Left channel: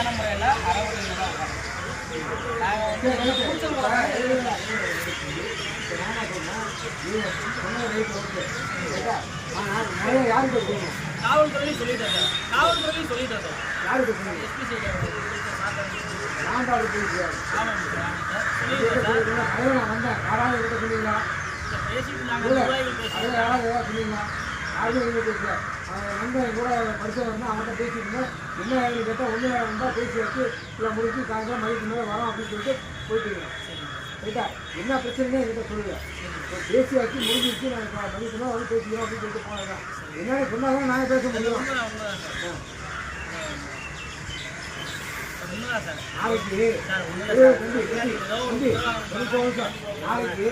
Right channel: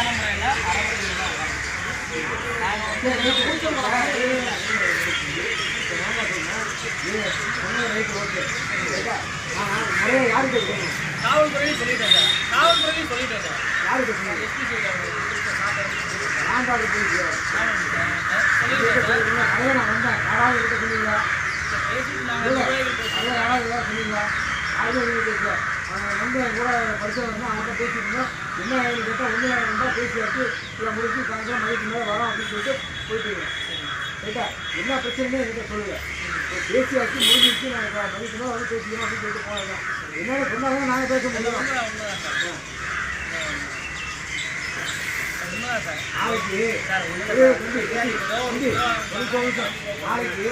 சரியான முறையில் அறவுரையில் தான் உட்காரணும். நாங்கள் வந்து காவல்துறையும் சொல்லிட்டேன் சார். காவல்துறையும் சொல்லிட்டேன் சார். யாருக்கு சொன்னீங்க? எஸ்பி சொல்லிட்டேன் நான் பாட்டு போயிட்டு நான் வந்தேன். யாராவது கிட்ட சொன்னீங்களா? பேசிட்டு நாங்கள் அதான் யாராவது ஏதாவது சொன்னீங்களா? யாருமே எதுவும் பேசல. வந்து கூட படித்தவர்னா அவங்கள்ட்ட பேசிட்டு இருந்தேன். என்ன ஏன்னு கேட்டால் ஒன்று இருந்தால் பேசி வச்சு இல்லை முடிச்சு சாயந்தரம் மதியத்துக்கு மேலே வரோம் அப்படின்னு சொல்லிட்டு போயிட்டு இருக்கேன். ரைட்டா? என்ன பிரச்சனைன்னு என்கிட்ட சொல்லுங்க. பேசியாச்சு முடிஞ்சிச்சு. நாங்கள் மதியத்துக்கு மேலே வந்து பேசிக்கிறோம் அப்படின்னு சொல்லிட்டு போனதான். என்னென்ன சொன்னாலும் நாங்கள் பேச முடியும். நாளைக்கு நாளைக்கு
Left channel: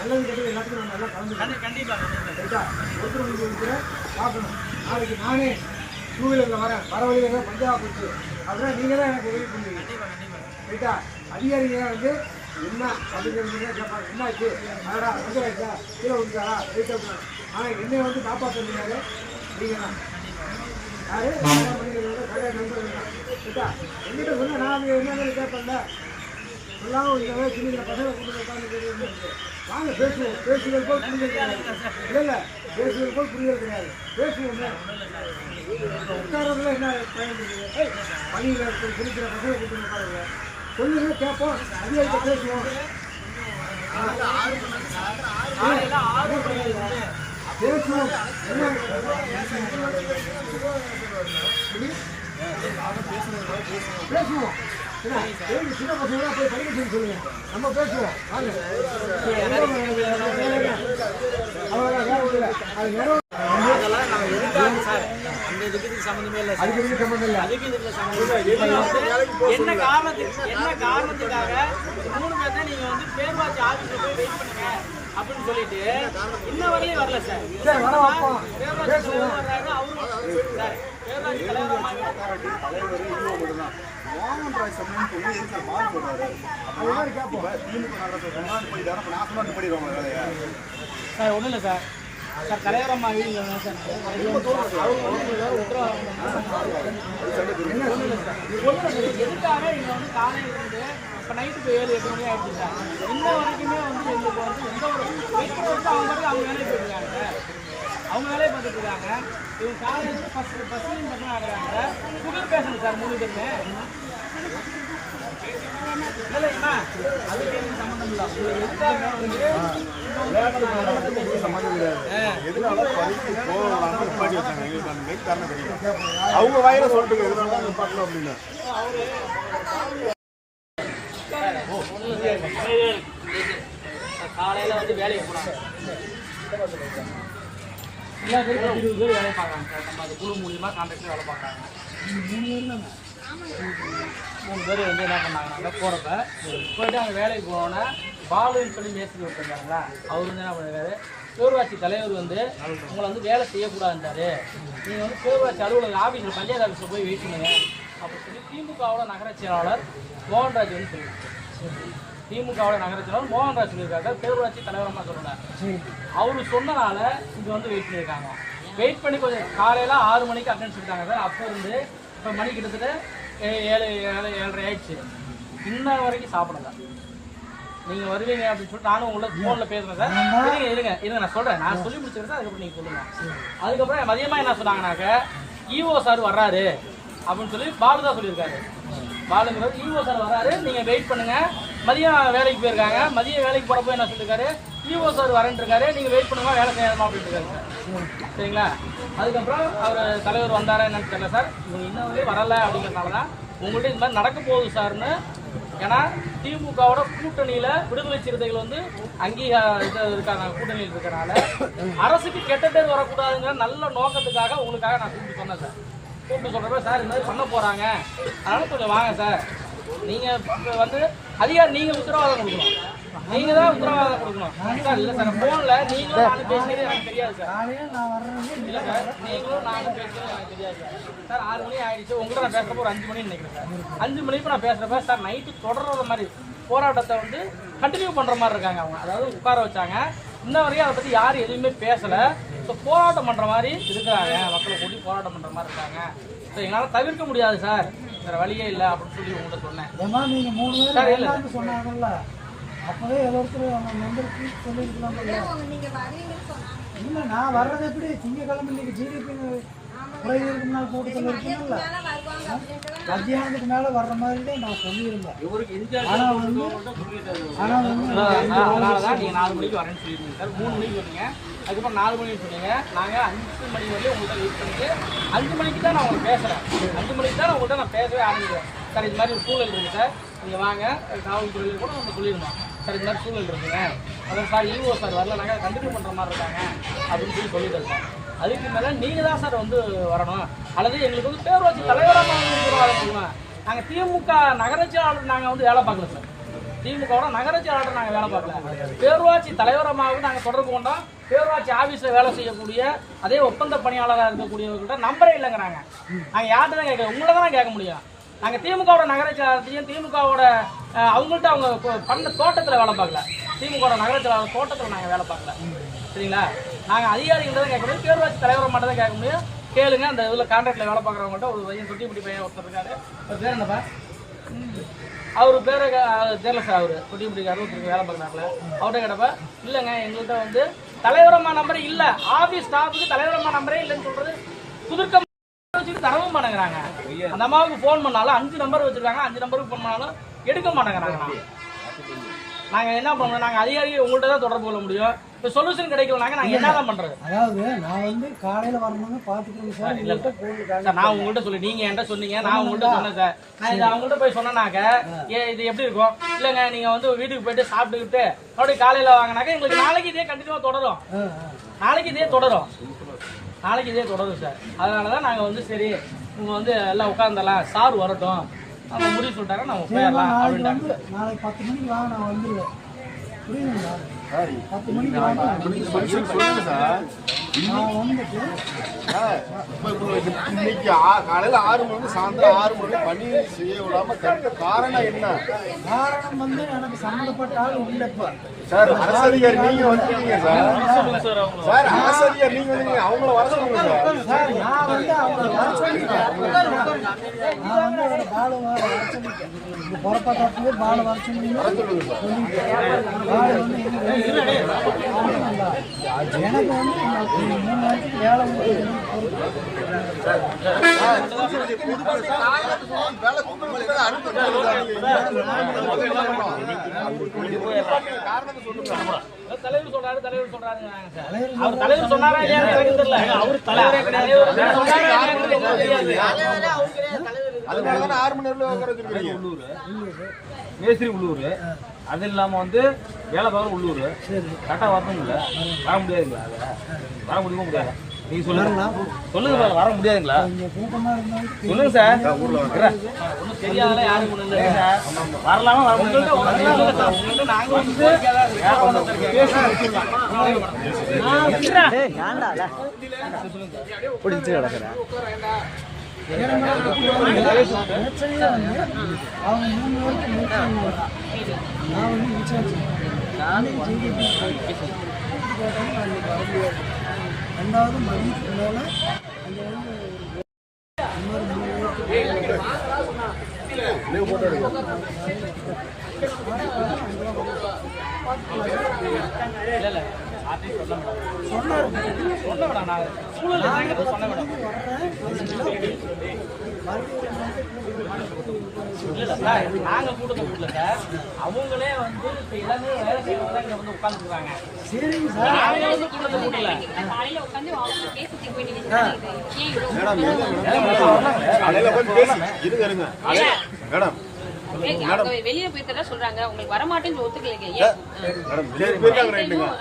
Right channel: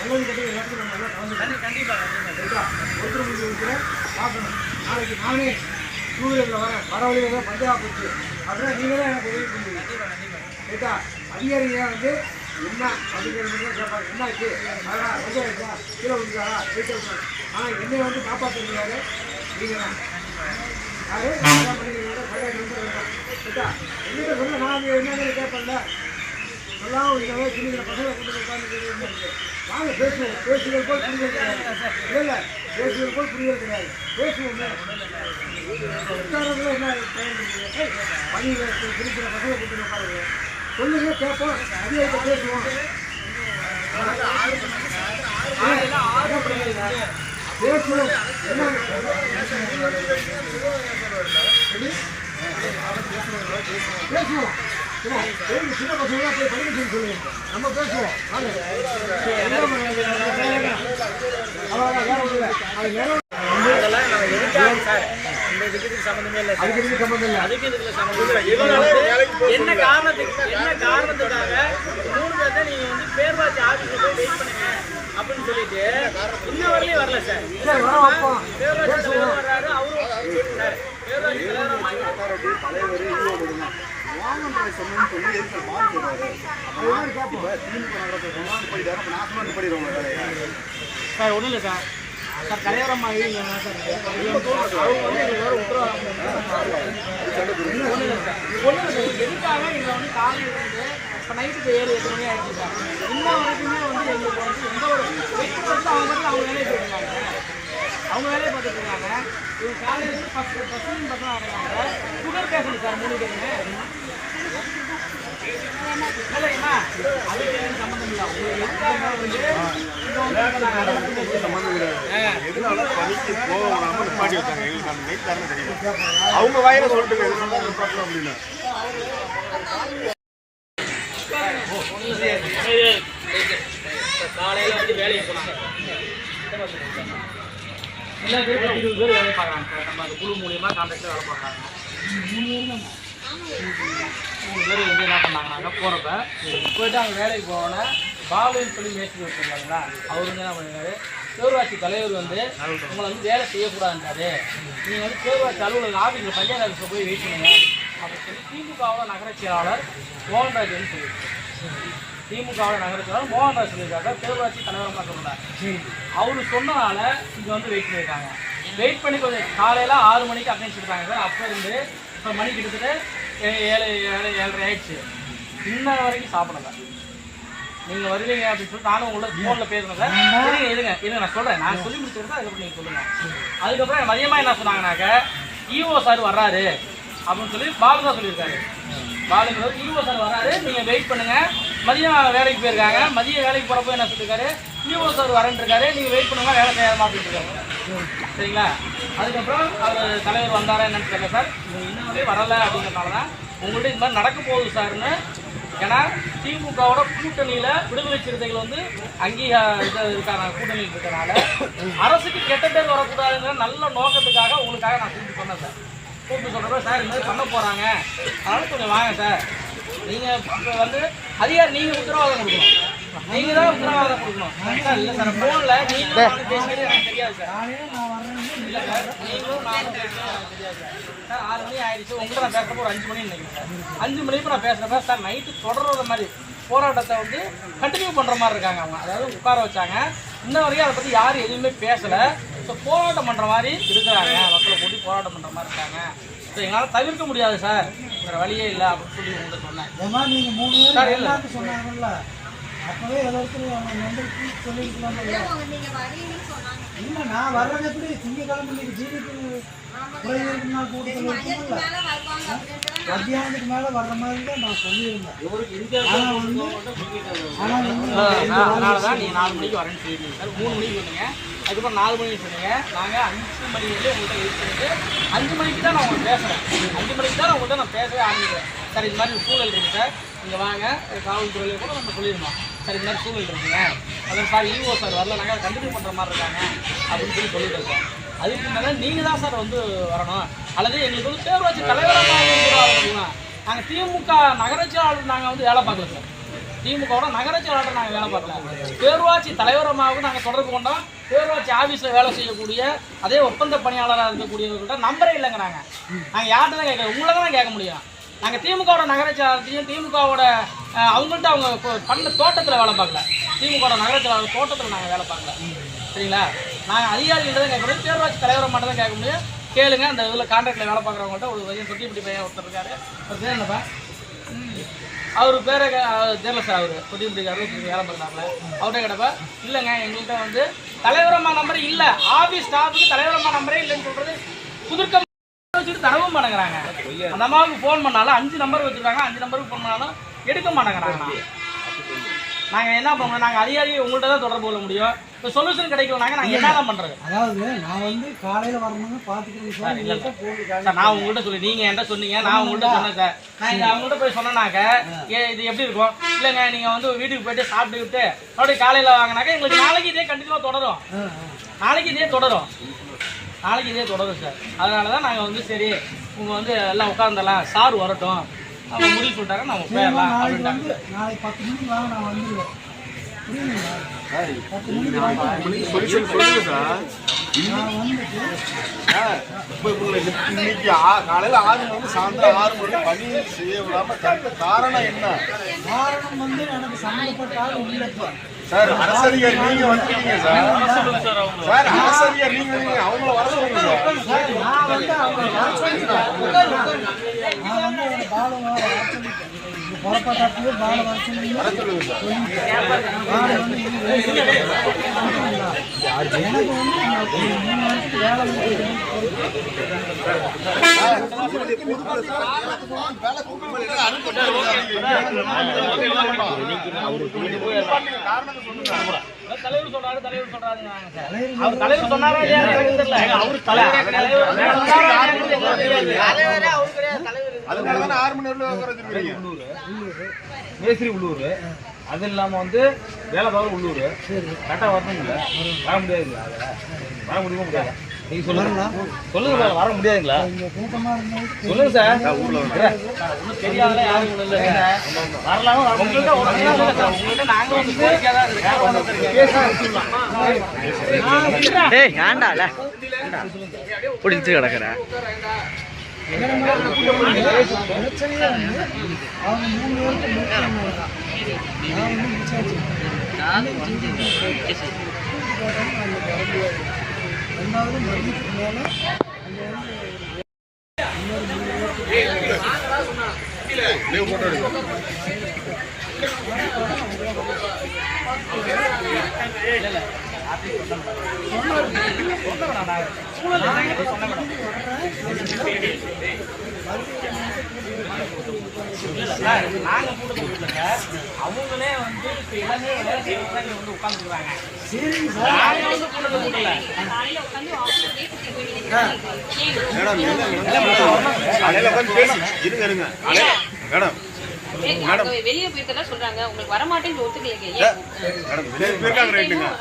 நல்லது கட்டி எல்லாத்துக்கும் நம்ம எல்லாம் கலந்து கண்டிப்பாக ரைட்டா? ஒருத்தர் முடிஞ்சு வைக்கிறேன் பார்க்கணும். நாளைக்கு நானே டூ வீலரில் வரேன். வர வழியில் பஞ்சாப் போச்சு அப்படின்னா நீங்கள் தான் எனக்கு உதவி பண்ணுவீங்க. ரைட்டா? அதிகாரிங்க வந்து என்ன அப்படிங்கிறது கேட்பாங்க. என்னாச்சு அதடா ரொம்ப ஆயிடுச்சா கீழே விழுந்தாரா ரைட் அப்படின்னா. ஆனால் என்னை வந்து காப்பாற்றுறாரு நீங்கள் தான். யாரு பண்ணிக்கிறத கல்யாணம் நண்பர்கள் தான். ரைட்டா? என்கிட்ட சொன்ன நான் என்னன்னு கேட்பேன்ல சொல்லாமல் இந்த மாதிரி சின்ன பசங்களை கொண்டு உட்காந்து வாங்க பேசுவோம். பேசுகிறது போல் புரிதல் கிடையாது. இல்லை பேசுகிறது போல் புரிதல் கிடையாது. பேசுவோமே உட்காரத்துல என்ன பயன் இருக்குது? பணியில் இருக்கிற பசங்களை கொண்டு உட்காருங்க. சொல்லுங்க கேட்போம். அதிகாரிகிட்ட பேசுவோம். பேசுவோம். என்ன பேசுவோம். சின்ன பசங்க போய் படிக்க சொல்லி சொல்லுங்க. நம்ம பேசுவோம். அவ்வளோதான் வேற ஒன்றும் இல்லை. அது நேரம் அதுக்கு சம்மந்தம் இல்லை. அதுக்கு இதுக்கு சம்மந்தம் இல்லை. என்ன காரணத்துக்காக 3 பேர்த்த நீங்க வந்து பேர்வாட்சி ஆஃபீஸில் போய் வெயிட் பண்ணுங்க அப்படின்னு சொல்லிட்டு இன்ன வரையிலும் வரல சார். பேர்வாட்சி தலைவர் வர்றாரு. அவரும் சார் பேர்வாட்சி தலைவர் மோகன் ராய் சொன்னு சொல்லி எதுக்கு மாறி சொல்றாரு? அப்பதான் கேட்போம். திமுக நகரத்தை சமாளி போயிட்டாரு. அப்ப நான் சொல்லாந்து போயிடுவாங்க வேலையா? சார் ஒன்றும் இல்லை சார். சார் கல்யாணம் ஆகி சார் எதுக்காக இங்கே வந்து காலையில் இருந்து இப்போ நைட்டு 7-8 மணி ஆகிடுச்சு சார். இன்ன வரைக்குமே வந்து எங்களுக்கு வந்து எந்த ஒரு வெயிட் வந்து அவங்க வேலையை போயிட்டுருக்காங்க. அவங்க வேலையை பார்த்துட்டு இருக்காங்க. இவங்க காலையில் ஃபஸ்ட்டு பசங்க ஆடுறாங்க. சுகர் பேஷண்ட் சார் 3 பேருமே இல்லைங்கம்மா. அதுக்கு எனக்கு சம்மந்தம் இல்லை. அவங்க வாயில சொல்லிட்டு அப்படின்னு காலையில் வந்து வேலைக்கு போனாங்க. எல்லா பேரும் 20 பேர் வேலை பார்க்குறாங்க சார். நம்ம அந்த குழு மூலியமாக கான்ட்ராக்டில் வேலை பார்க்குறாங்க. 3 பேர் வந்து என்ன பண்ணாங்கன்னா போகிறப்ப போய்ட்டு அவங்க வேலைக்கு போனோன்னே பாலுன்னு சொல்லி மேஸ்திரி வச்சுருந்தாங்களா அவர் வந்து என்ன பண்ணிருக்காரு, பேரூராட்சி தலைவர் வந்து உங்களை வந்து வேலை செய்யக்கூடாதுன்றாரு. நீங்கள் வந்து பேரூராட்சி அலுவலக ஆஃபீஸில் பஞ்சாயத்து ஆஃபீஸில் போய் வெயிட் பண்ணுங்க அப்படின்னு சொல்லி திமுகவோட நகர செயலாளர் மோகன்ராஜ் வந்து சொல்லியிருக்காரு. திமுகவோட நகர செயலாளர் மோகன்ராஜ் சொல்லியிருக்காங்க பேரூராட்சி தலைவரமாக சொல்கிறார். அவர் சொன்னனால இங்கே வந்து வெயிட் பண்ணியிருக்காங்க. வெயிட் பண்ணி கொஞ்சம் காலையில் 6 மணிக்கு அட்டென்ஸ் எடுத்தாங்க சார். அப்போ இருந்து இப்போ மணி கிட்டத்தட்ட 7-7:30 ஆயிடுச்சு. இன்ன வரைக்கும் சாப்பிடல. நீங்கள் வருவீங்க அப்படின்னு சொல்லிட்டு நானும் உங்களை ஃபோனில் பேசுகிறேன் சார். இருங்க நான் சொல்கிறேன். நான் சொல்லி முடிச்சிருக்கேன். அதுக்கப்புறம் நீங்கள் சொல்லுங்கள். அதுக்கப்புறம் மதியமாக என்ன சொன்னாங்கன்னாக்க ஈஓ சார் வர்றாரு அப்படின்னு சொல்லி பாலு தான் சொல்லியிருக்காரு. பாலுங்கிறது ஈஓ சார் வர்றாரு, நீங்கள் வெயிட் பண்ணுங்கள். மதியம் வேலைக்கு போயிருக்காங்க. மதியம் வேலைக்கு போகிறப்போ என்ன சொல்லியிருக்காரு, ஈஓ சார் வரேன்ருக்காரு, நீங்கள் வெயிட் பண்ணுங்க வேலை செய்யாமா அப்படின்ட்டு இருக்காங்க. சரிங்களா? அதுக்கப்புறம் அவர் தலைவர் வந்தாரா என்னன்னு தெரியல சார். இன்னும் வரலை அப்படிங்கிறனால தான் உங்கள்கிட்ட இது மாதிரி நடக்க போகுது சார்னு. ஏன்னா திமுகவோட கூட்டணியில் விடுதலை சிறுத்தைகள் வந்து இருக்காங்க. கூட்டணியில் இருக்கிறனால அரசுக்கு கெட்ட பேர் வரக்கூடாதுங்கிற நல்ல நோக்கத்துக்காக உங்களுக்காக நான் கூப்பிட்டு சொன்னேன் சார். கூப்பிட்டு சொல்கிறப்ப சார் இந்த மாதிரி பண்ண போகிறாங்க, அதனால் கொஞ்சம் வாங்க சார். நீங்கள் வந்து அதிகாரி நீங்கள் உத்தரவாதம் கொடுக்கணும். நீங்கள் தான் உத்தரவாதம் கொடுக்கணும் சார். இல்லை சார் ஃபோனில் நீங்களும் நானும் பேசுகிறது எனக்கு தெரியாது சார். இல்லை சார் நீங்களும் நானும் பேசுகிறது எனக்கு தெரியாது சார். சார் 6 மணி ஆயிடுச்சு. உங்கள்கிட்ட நான் பேசுகிறப்போ ஒரு 5 மணின்னு நினைக்கிறேன் சார். 5 மணிக்கு நான் பேசுகிறப்ப சார் நைட்டு தொடர்ற மாதிரி போராட்டத்தை வந்து கண்டினியூ பண்ணுற மாதிரி இருக்காங்க. அவங்க அதாவது உட்கார வச்சாங்க. இன்ன வரைக்கும் அதை பற்றி யாரும் எதுவுமே பேசலை. ஸோ போராட்டம் பண்ணுற மாதிரி இருக்கிறாங்க. மக்களை கூட்டி போராட்டம் பண்ணுற மாதிரி இருக்காங்க ஸோ எங்களால் தவிர்க்க முடியாது சார், வேறு வழியே இல்லை அப்படின்னு சொல்லி உங்கள்கிட்ட சொன்னேன். ஏமா நீங்கள் 3 பேர் எல்லாத்தையும் சொன்னாங்கல்ல, அப்போவே எல்லாருக்கும் அவங்க வந்து சொல்லியிருக்கலாம். இல்லை நான் வர்றது எப்படி திங்கக்கிழமை இன்னைக்கு ஜிடிபி குறைவதற்கு நாள் கூட்டத்தில் இருக்குங்கல்ல, மத்தியானத்துக்கு மேலே வர்ற மாதிரி தான் நான் சொல்லியிருந்தேன். அதனால தான் நீங்கள் 4 மணிக்கு வரேன்னு சொல்லியிருந்தீங்க சார். 3 மணிக்கு சொன்னீங்க, அதுக்கப்புறம் 4 மணிக்கு சொன்னீங்க. நாங்கள் 5 மணி வந்து உங்கள்கிட்ட வெயிட் பண்ணிட்டு 5 மணிக்கு தான் நான் உங்களுக்கு பேசுகிறேன். 5 மணிக்கு தான் உங்கள்கிட்ட நான் பேசவே ஆரம்பிக்கிறேன். சார் இது மாதிரி ஒரு சூழல் இருக்குது சார், இங்கே வாங்க, காவல்துறையில் கூட நம்ம சொல்லிடுவோம் சார் இது மாதிரி சூழல் இருக்குங்க, அதான் சார் இஓ சார் வரல, நாங்கள் கண்டினியூ பண்ணுற மாதிரி இருக்காங்க அப்படின்னு சொல்லி சொல்லிட்டு இருக்கோம். அதுக்கு மேலே நீங்கள் தான் சார் வந்து வரணும், அல்லது எங்களுக்கு வந்து பேரூராட்சி தலைவராக நாங்கள் திமுக நகராட்சியாளர் நாங்கள் வந்து வேலை பார்க்கல சார். திமுகவோட நகராட்சியாளர் நாங்கள் வேலை பார்க்கல, பேரூராட்சி தலைவரமாக நாங்கள் தொடர்பு கொண்டோம். பேரூராட்சி ஆஃபீஸில் வேலை செய்யக்கூடிய அதே ஒப்பந்த பணியாளராக இருக்கக்கூடியவர்கள்ட்ட நம்பரே இல்லைங்கிறாங்க. நாங்கள் யார்கிட்ட தான் கேட்க, உங்களை தான் கேட்க முடியும். நாங்கள் திமுகவோட நகராட்சியாளர்த்தையும் திமுகவோட அவங்கள்ட்ட அவங்க பண்ண தோட்டத்தில் வேலை பார்க்கல, திமுகவோட நகராட்சியாளர் தோட்டத்தில் நாங்கள் வேலை பார்க்கல. சரிங்களா, நாங்கள் அதிகாரிகள்ட்ட தான் கேட்க முடியும், பேரூராட்சி தலைவரை மட்டும் தான் கேட்க முடியும். கேளுங்க, அந்த இதில் கான்ட்ராக்டில் வேலை பார்க்குறவங்கள்ட்ட ஒரு பையன் தொட்டிப்பட்டி பையன் ஒருத்தர் இருக்காரு, ஒரு பேர் என்னப்பா, அவர் பேரை தெரியல சார், அவர் தொட்டிப்பட்டிக்காரர் ஒருத்தருக்கு வேலை பார்க்குறாப்புல, அவர்கிட்ட கேட்டப்ப இல்லைங்க எங்கள்கிட்ட வந்து தலைவரம்மா நம்பரே இல்லை, ஆஃபீஸ் ஸ்டாஃபுக்கு தலைவரம்மா நம்பரே இல்லைன்னு சொல்கிறது புதுக்கம் வச்சுட்டு தரவும் மாட்டேங்கிறாங்க. அந்த அம்மாவுக்கு ஃபோன் பண்ணாலும் 5 நம்பர் வச்சுருக்காங்க, 5 நம்பருக்கு ஃபோன் பண்ணாலும் எடுக்க மாட்டேங்கிறாங்க. நாங்கள் என்ன பண்ணுவோம், நாங்கள் அதிகாரியை உங்கள்கிட்ட தான் தொடர்பு கொள்ள முடியும். இப்போ சொல்யூஷன் கிடைக்கலனாங்க நாங்கள் என்ன தான் பண்ணுறது? அதாவது நான் வந்து காலையில் வரணுங்க பார்த்துக்கிறேன் சார், இல்லை சார் நான் உங்கள்கிட்ட சொல்லி நீங்கள் என்கிட்ட சொன்னீங்க, நான் உங்கள்கிட்ட சொன்னேன் சார். நான் இதை அவங்கள்ட்ட போய் சொன்னேனாக்க இது எப்படி இருக்கும், இல்லைங்க நீங்கள் வந்து வீட்டுக்கு போய்ட்டு சாப்பிட்டுக்கிட்டு மறுபடியும் காலையில் வாங்கினாக்கா எங்களுக்கு நாளைக்கு இதே கண்டிப்பாக தொடரும், நாளைக்கு இதே தொடரும் சார். அதனால தான் நாங்கள் வந்து சரி உங்கள் வந்து எல்லாம் உட்காந்துடலாம், சார் வரட்டும் அவங்க முடிவு சொல்லிட்டாங்க, நம்ம போயிடலாம் அப்படின்ட்டு. நாளைக்கு 10 மணிக்கு வாங்க, நான் வந்துடுவேன். புரியுதுங்களா? 10 மணிக்கு வாங்க, நான் வந்துட்டு இன்னைக்கு காலையில் 6 மணி சாயந்தரம் 6 மணி பணி செய்ய விடாம தடுத்த காரணம் என்ன? காரணம் வந்து எனக்கு சம்மந்தப்பட்ட ஆள் இல்லைப்பா சார். அரசதிகாரி நீங்க வந்துட்டீங்க சார். சார் அரசதிகாரி நீங்க அவங்கள வர சொல்லுங்க சார். நான் வந்து அவங்க வர சொல்லிட்டேன். நான் வந்து அவரை பாலை வர சொல்லிட்டேன். இந்த புறப்பாட்டாட்டிலே பாலை வர சொன்னீங்க, பாலை வந்து எனக்கு வந்து 3 வருஷத்துக்கு வேலை தலைவர் சொல்றாரு அவர் தலைவர் சொன்னாரா தெரியல, அவர் தலைவர் மேஸ்திரி உள்ளூர், அது இல்லாமல் வந்து வேலை பார்க்குற உள்ளூர், கரெக்டாக வரணுங்களா? வர முடியாதுங்களா? அதை வர முடியுமா முடியாதா? நீங்கள் சொல்லுங்க சொல்லுங்க, வர முடியாதுங்களா? சொல்லுங்க சார். ஒன்றும் தெரியாத யாரும் வரலாமா வர முடியல? உங்கள்கிட்ட நாங்கள் வந்து ஏண்டால பிடிச்சி கிடக்குற பிரச்சனையே வந்து அவங்க 3 பேருக்கு முடிச்சாங்க. நான் வந்து விசாரிச்சேன், போட்டாலும் நான் இன்றைக்கி வர முடியாது. 2வது மதியத்துக்கு மேலே அங்கே வந்து இன்னொரு 3 பேருக்கு நாங்கள் கூட்டத்தை கூட்டல சார், அவங்களே வந்து இப்போ எல்லாமே வேலை செய்யறவங்க தான் இங்கே வந்து உட்காந்துருக்காங்க. சரிங்க சார். நாங்கள் வந்து கூட்டத்தை கூட்டல வெளியே போயிருக்கதா சொல்றாங்க, உங்களுக்கு வரமாட்டேன்னு ஒத்துக்கலைங்க.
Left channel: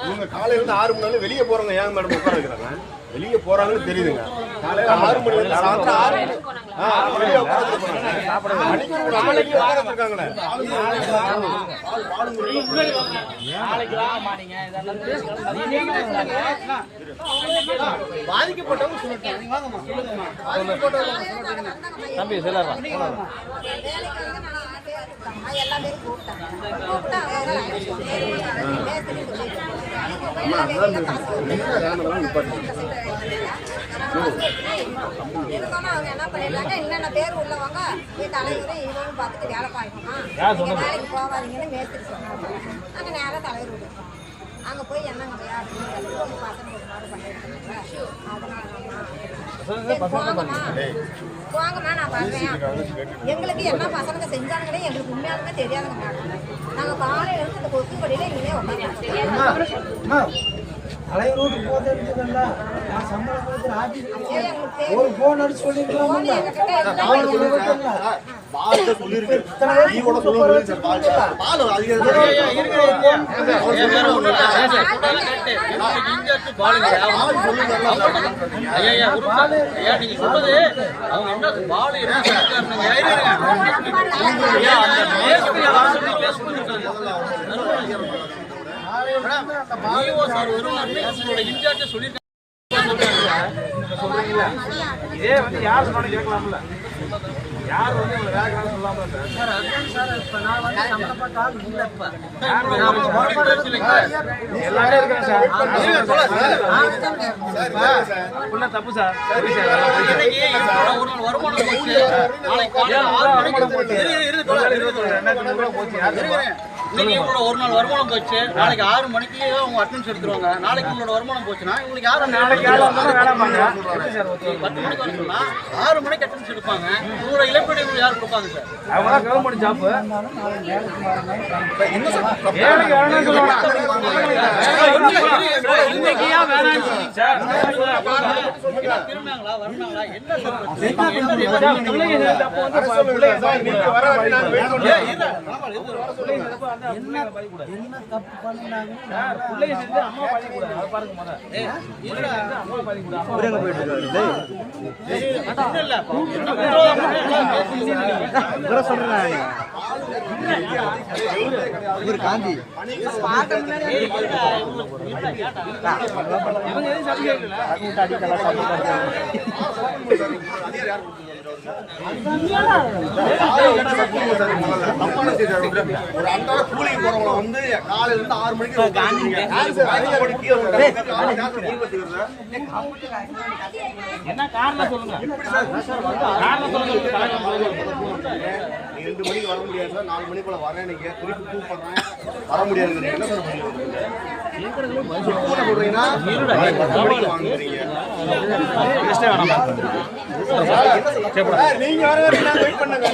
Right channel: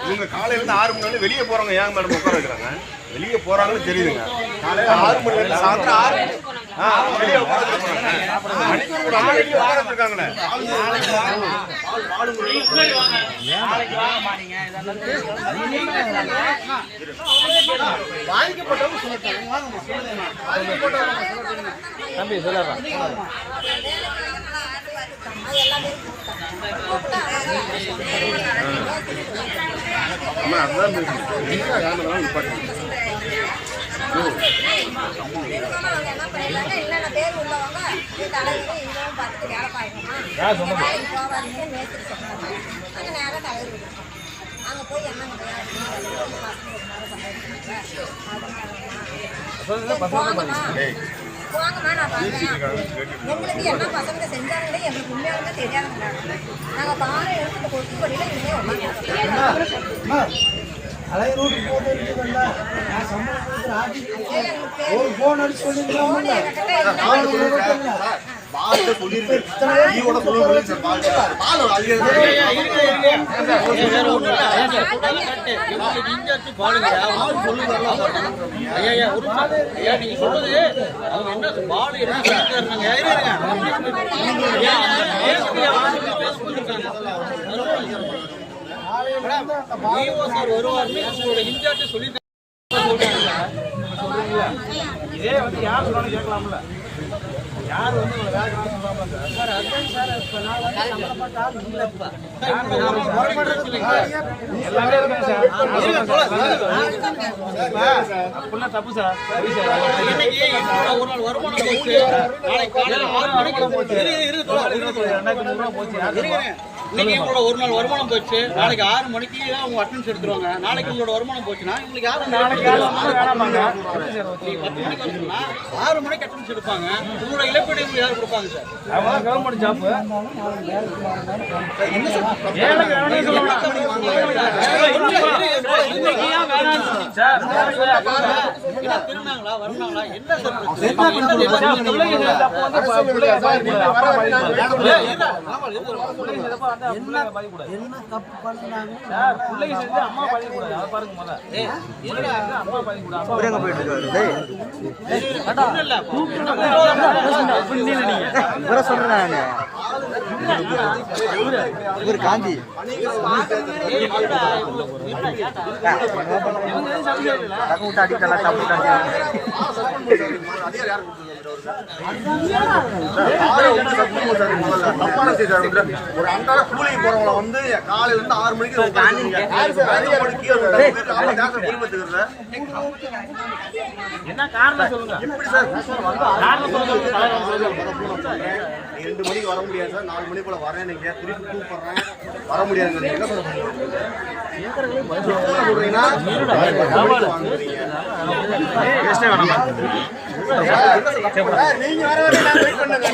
இவங்க காலையில இருந்து 6 மணி நேரம் வெளியே போறவங்க ஏன் மேடம் உட்கார வைக்கிறாங்க? வெளியே போறாங்கன்னு தெரியுதுங்க. காலையில 6 மணி நேரம் சாயந்தரம் 6 தம்பி சொல்லலாம். மாணிக்கப்பட்டவங்க நாங்கள் வந்து எதுக்காம அவங்க என்ன பண்ணிருக்காங்க, என்னென்ன பேர் உள்ளவங்க தலைவர் இவங்க பார்த்துட்டு வேலை பார்க்கணுமா, வேலைக்கு போவாதீங்கன்னு மேஸ்திரி சொன்னாங்க. நாங்கள் நேராக தலைவர் விட்டுருக்கோம். அங்கே போய் என்னங்க பையா அப்படின்னு உங்க பசங்க ஒரு மாதிரி பண்ணிருக்காங்க. அதனாலம்மா போங்கம்மா நான் பண்ணுறேன். எங்களுக்கு என்ன பசங்க செஞ்சாங்களே எங்களுக்கு உண்மையாலுமே தெரியாதுங்க. நாங்கள் பாலை எடுத்து இந்த கொத்துப்படியில் இனிமே தலைவரோடு போது இருக்குதுல்ல, நான் சம்பளம் கொடுக்குற ஆட்சி ஒரு போன் அடிச்சு சொல்லியிருக்காங்க. பால் சொல்லிருக்கு, நீ கூட சொல்லுங்க சார். பால் இதே வந்து யார் சொன்னாலும் கேட்கலாம்ல, யார் வந்து வேலைக்காக சொல்லாம சார்? அதுதான் சார், இப்போ நான் வந்து சம்பளப்பட்ட ஆள் இல்லை. இப்போ எல்லாமே இருக்காங்க சார். தப்பு சார். இன்னைக்கு ஒரு நாள் வருமானம் போச்சு, நாளைக்கு காலையில் 6 மணிக்கு போச்சு. இன்னைக்கு உங்களோட ஒரு நாள் வருமானம் போச்சு, நாளைக்கு 6 மணிக்கு அவங்க அட்டெண்டன்ஸ் எடுத்துருவாங்க. நாளைக்கு உங்களோட வருமானம் போச்சுன்னா உங்களுக்கு யாரும் அந்த 10 மணிக்கு வரணும்னா 6 மணிக்கு அட்டெண்டன்ஸ் எடுப்பாங்க. உங்களோட இழப்பீடு உங்களுக்கு யார் கொடுப்பாங்க சார்? அவங்க கவர்மெண்ட் ஜாப் திருநாங்களா வரனாங்களா என்ன சார்? என்ன தப்பு பண்ணாங்க? காந்தி ஒரு அன்றாட கூலிக்கு போறவங்கள வந்து காலையில இருந்து 6 மணிக்கு என்ன காரணம் சொல்லுங்க. எப்படி சார் 2 மணிக்கு வர முடியாது சார், 4 மணி போல வரேன், நீங்க திருப்பி கூப்பிடுறேன் வர முடியாதுங்க. நீங்க என்ன சார் பண்ணுவீங்க? சொல்றீங்கன்னா நீங்க வர வரைக்கும் நாங்க வெயிட் பண்ணுங்க.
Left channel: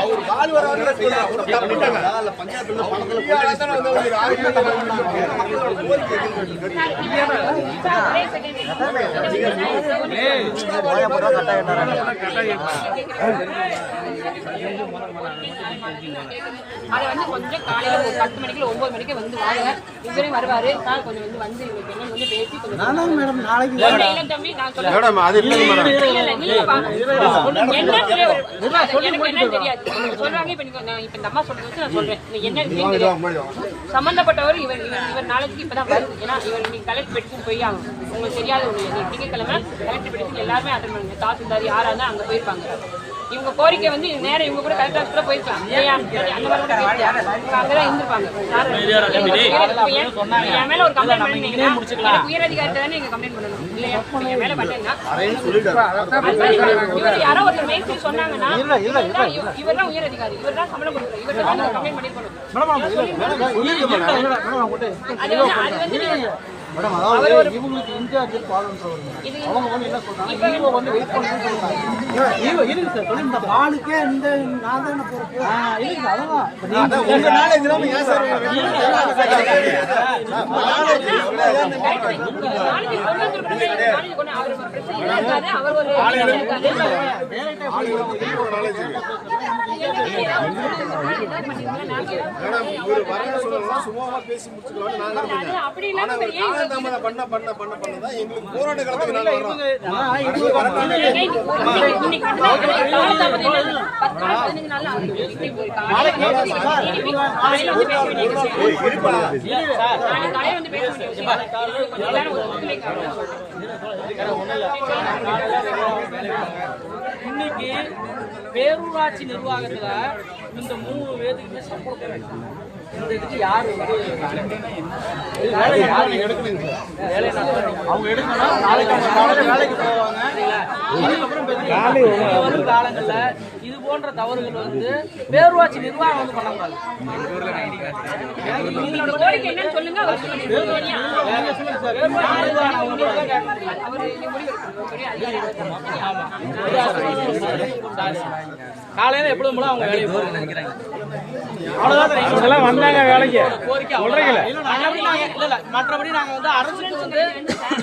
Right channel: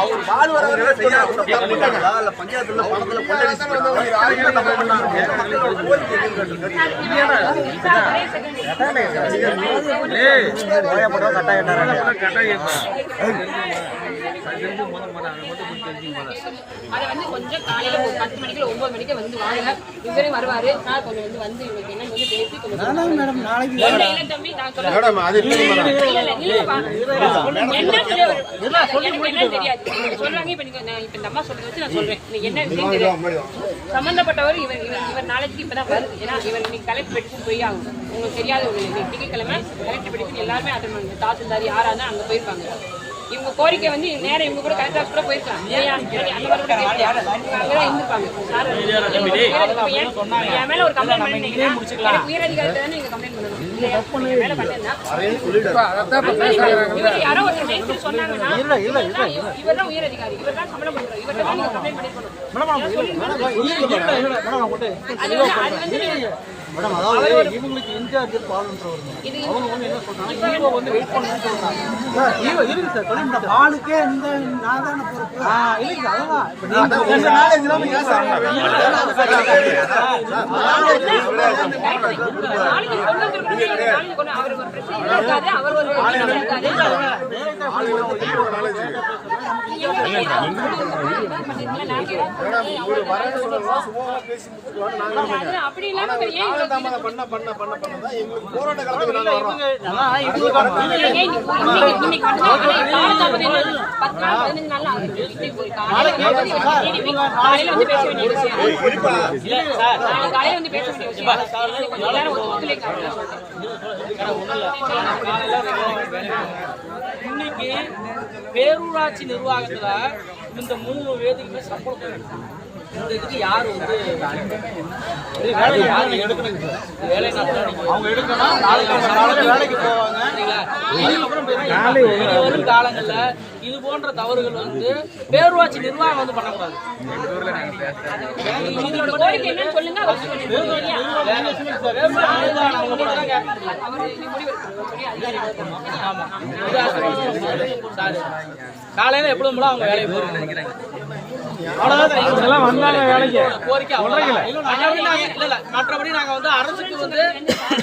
அவர் பால் வரவங்க செய்யாத பண்ணிட்டாங்களா இல்ல பஞ்சாயத்துல பணத்துல அதை வந்து கொஞ்சம் காலையில 10 மணிக்குள்ள 9 மணிக்கு வந்து வாங்க. இவரே வருவாரு சார், கொஞ்சம் வந்து இவங்களுக்கு என்னன்னு வந்து பேசி கொஞ்சம் மேடம் நாளைக்கு இல்ல தம்பி நான் சொல்றேன் சொல்றாங்க. இப்ப நான் இப்ப இந்த அம்மா சொல்றது வச்சு நான் சொல்றேன். என்ன விஷயம் தெரியும் சம்பந்தப்பட்டவர் இவர் நாளைக்கு இப்பதான் வருது. ஏன்னா இவர் இன்னைக்கு கலெக்டர் பெட்டிஷன் போய் ஆகும். உங்களுக்கு தெரியாத ஒண்ணு இல்லை, திங்கட்கிழமை கலெக்டர் பெட்டிஷன் எல்லாருமே அட்டன் பண்ணுங்க. தாசில்தார் யாரா இருந்தா அங்க போயிருப்பாங்க. இவங்க கோரிக்கை வந்து நேரம் இவங்க கூட கலெக்டர் கூட போயிருக்காங்க. அங்கதான் இருந்திருப்பாங்க. என் மேல ஒரு கம்ப்ளைண்ட் பண்ணீங்கன்னா உயரதிகாரி தானே நீங்க கம்ப்ளைண்ட் பண்ணணும் இல்லையா? என் மேல பண்ணேன்னா இவர் யாரோ ஒரு மேஸ்திரி சொன்னாங்கன்னா இவர் தான் உயரதிகாரி, இவர் தான் சம்பளம் கொடுக்குறாரு, இவர் தான் கம்ப்ளைண்ட் பண்ணிருக்கணும். மேடம் அதாவது இவங்களுக்கு இன்சார்ஜ் பாலுன்றவர் அவங்க வந்து என்ன சொல்றாங்க, ஈவோ வந்து வெயிட் பண்ணணும்னு சொல்றாங்க. ஈவோ இருக்கு சார், சொல்லி இந்த பாலுக்கே இந்த நான் தானே பொறுப்பு. இல்லைங்க அதான் இப்ப நீங்க உங்க நாலேஜ் இல்லாம ஏன் சார் அவர் ஒரு அப்படி இல்லாம இன்னைக்கு பேரூராட்சி நிர்வாகத்துல இந்த 3 பேருக்குமே சம்பளம் இந்த இதுக்கு யார் வந்து யார் எடுக்கணுங்க சார்? வேலை அவங்க எடுக்கணும். நாளைக்கு வேலைக்கு போவாங்க. இனி வரும் காலங்கள்ல இது போன்ற தவறுகள் வந்து பேரூராட்சி நிர்வாகம் வந்து பண்ணக்கூடாது. உங்களோட கோரிக்கை என்னன்னு சொல்லுங்க. அவர் சொல்லுங்க. சரியா? அவர் முடிவு எடுக்கணும். சொல்லி அதிகாரிகள் காலையில எப்பொழுதும் போல அவங்க வேலைக்கு போறாங்க. அவ்வளவுதான் வந்தாங்க வேலைக்கு கோரிக்கை மற்றபடி நாங்க வந்து அரசுக்கு வந்து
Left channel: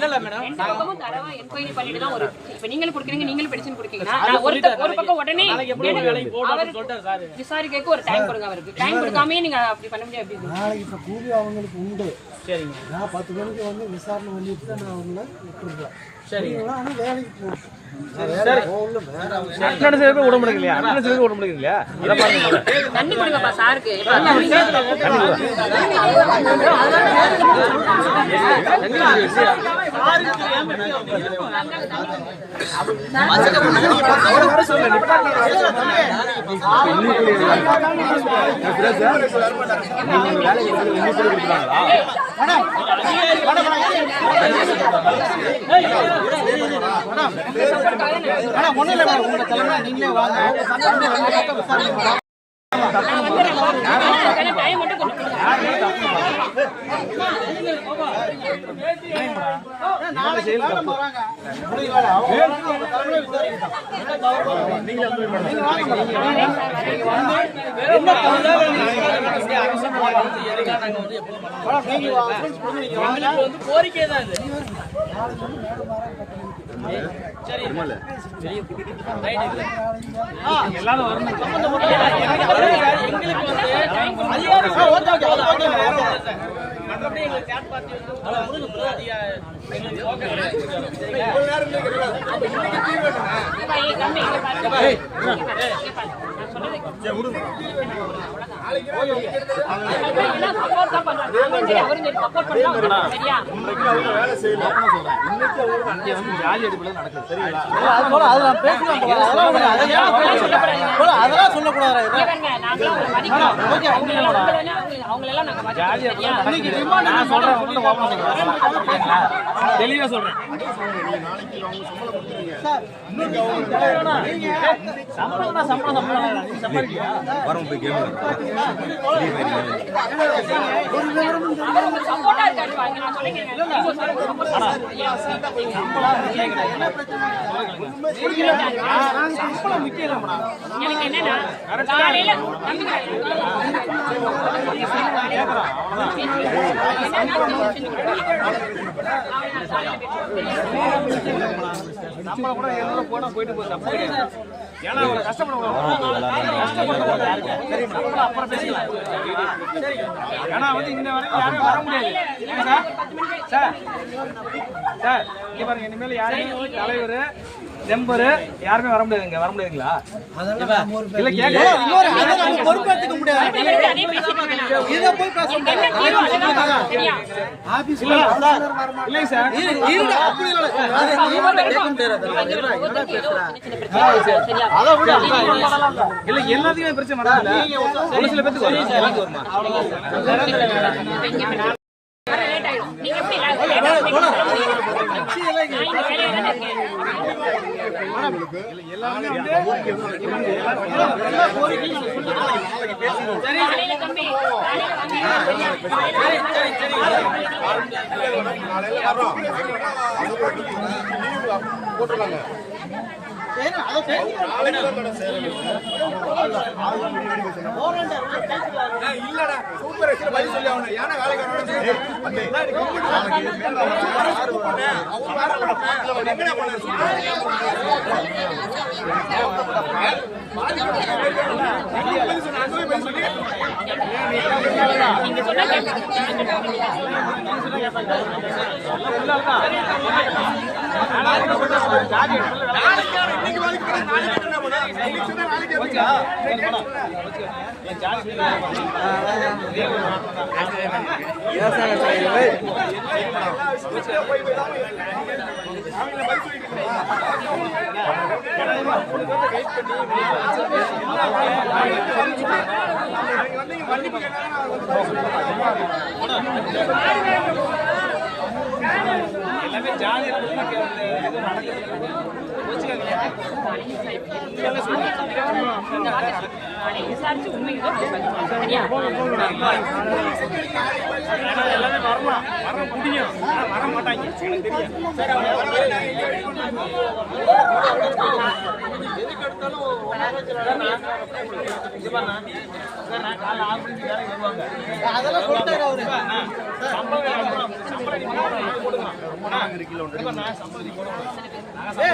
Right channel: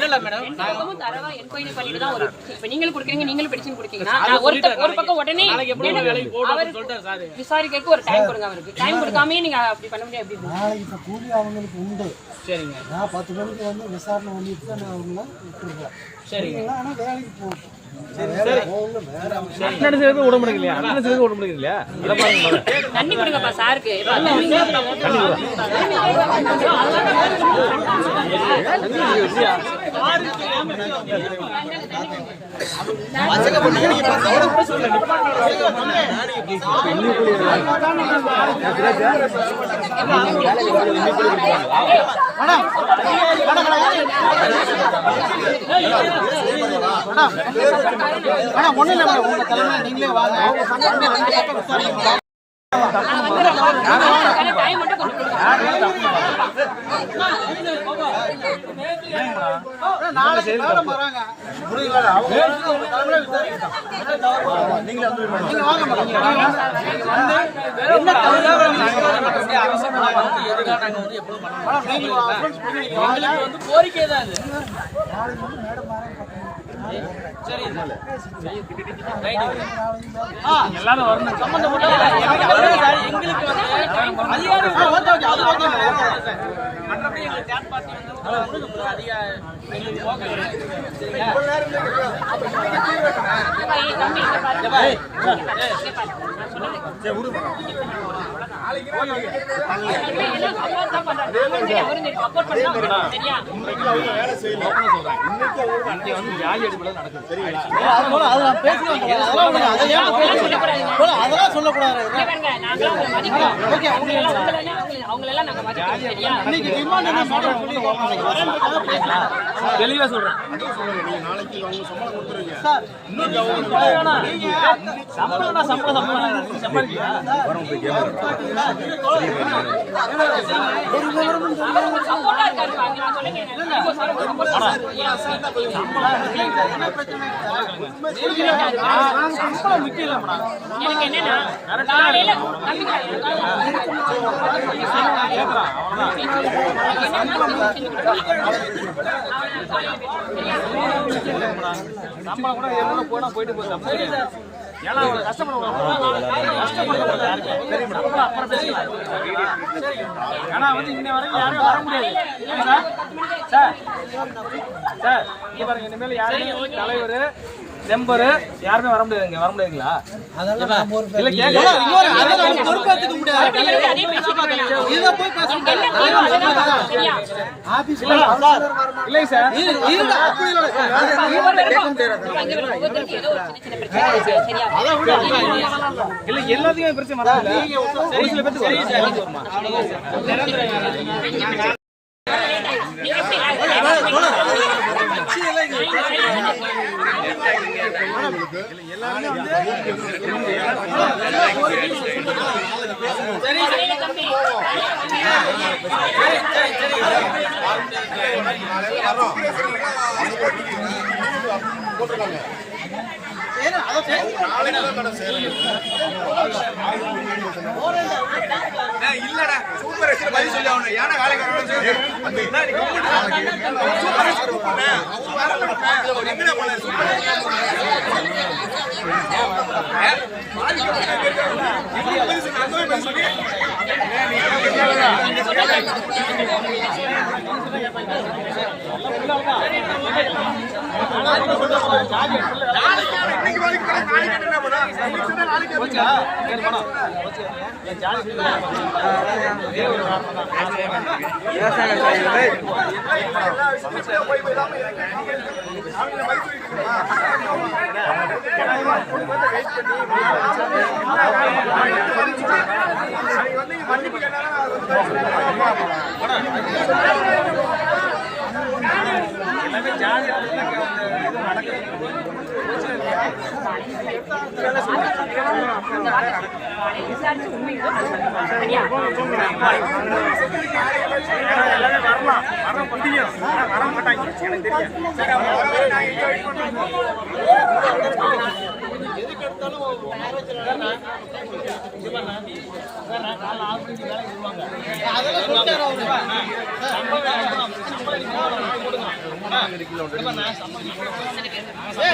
இல்ல மேடம் தரவா என்கொயரி பண்ணிட்டு தான் வரும். இப்ப நீங்களும் கொடுக்குறீங்க, நீங்களும் பெட்டிஷன் கொடுத்தீங்கன்னா ஒரு பக்கம் உடனே வேலைக்கு போடுறோம்னு சொல்லிட்டாரு சார். விசாரிக்க ஒரு டைம் கொடுங்க. அவருக்கு டைம் கொடுக்காமயே நீங்க அப்படி பண்ண முடியாது. எப்படி நாளைக்கு இப்போ கூலி அவங்களுக்கு உண்டு. சரிங்க. நான் 10 மணிக்கு வந்து விசாரணை பண்ணிட்டு தான் நான் அவங்கள விட்டுருக்கேன். சரிங்க. ஆனால் வேலைக்கு போகணும். அட்டனன்ஸ் எடுக்க விட முடியலையா? அட்டனன்ஸ் எடுக்க விட முடியலையா? அத பாருங்க. தண்ணி கொடுங்கப்பா சாருக்கு. உங்க தலைமை நீங்களே வாங்க. டைம் மட்டும் கோரிக்கை தான் இது. எல்லாரும் வரணும். எங்களுக்கு வந்து மற்றபடி எங்க கேட் பார்ட்டி வந்து அதிக எங்களுக்கு போக கிடையாது. அதெல்லாம் சொல்லக்கூடாது. தெளிவா சொல்றேன். சம்பளம் கூட எவ்வளவு போனா போயிட்டு போகுது. ஏன்னா ஆனா வந்து இன்ன வரைக்கும் யாரும் வர முடியாது சார். சார் இங்க பாருங்க, இனிமேல் யாரும் தலைவர் மெம்பர் யாருமே வர முடியாதுங்க. வர முடியாதுங்களா? இல்ல கேட்க பொறுப்பேற்றுக்க முடியாது. இதை போய் பேச முடியாது. இல்லை சார், இல்ல எல்லாத்தையும் பிரச்சனை வரல. ஒரு சில பேருக்கு வருமா? அவ்வளவுதான். சொல்லி இந்த வார்த்தை விசாரிச்சு உண்மை ஏதோ அது சொல்லுங்க. சரியா? அதெல்லாம் சொல்லிட்டாரு அவரு. சரி.